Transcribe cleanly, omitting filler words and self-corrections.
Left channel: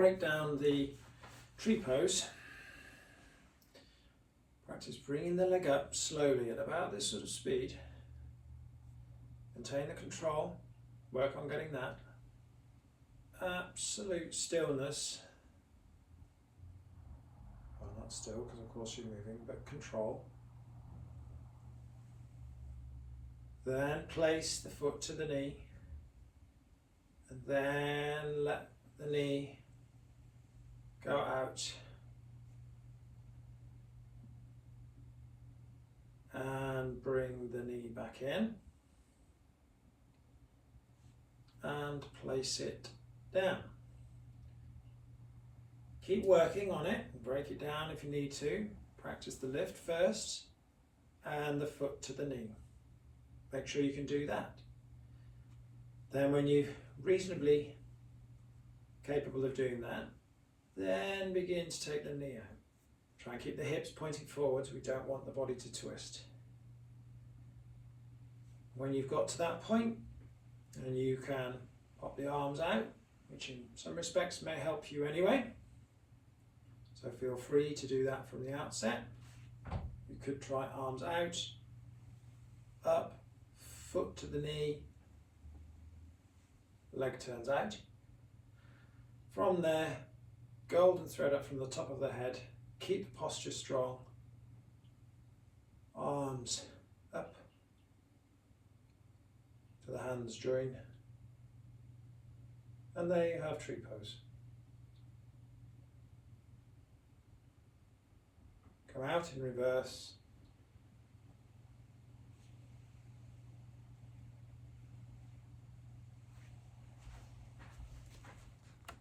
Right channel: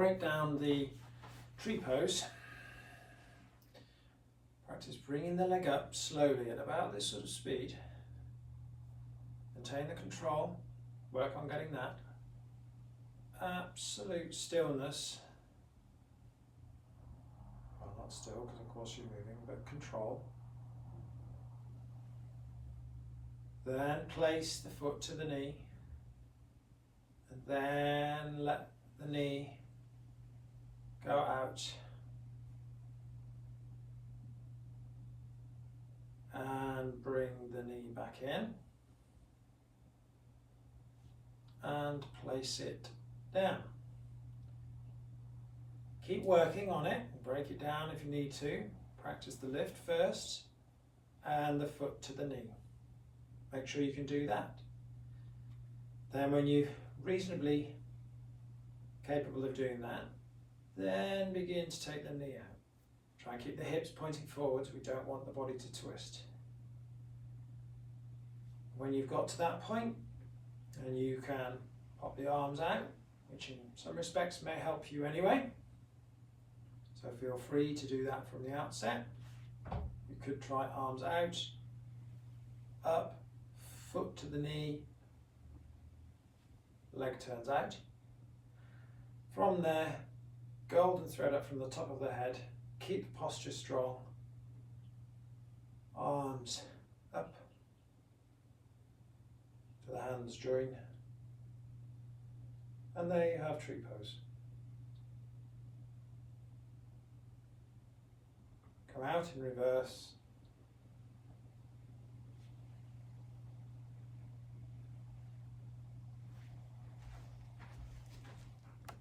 break down the tree pose. Practice bringing the leg up slowly at about this sort of speed. Maintain the control, work on getting that. Absolute stillness. Well, not still, because of course you're moving, but control. Then place the foot to the knee, and then let the knee go out, and bring the knee back in, and place it down. Keep working on it, break it down if you need to. Practice the lift first, and the foot to the knee. Make sure you can do that. Then when you're reasonably capable of doing that, then begin to take the knee out. Try and keep the hips pointing forwards. We don't want the body to twist. When you've got to that point, and you can pop the arms out, which in some respects may help you anyway. So feel free to do that from the outset. You could try arms out, up, foot to the knee, leg turns out. From there, golden thread up from the top of the head, keep the posture strong, arms up to the hands join, and there you have tree pose. Come out in reverse,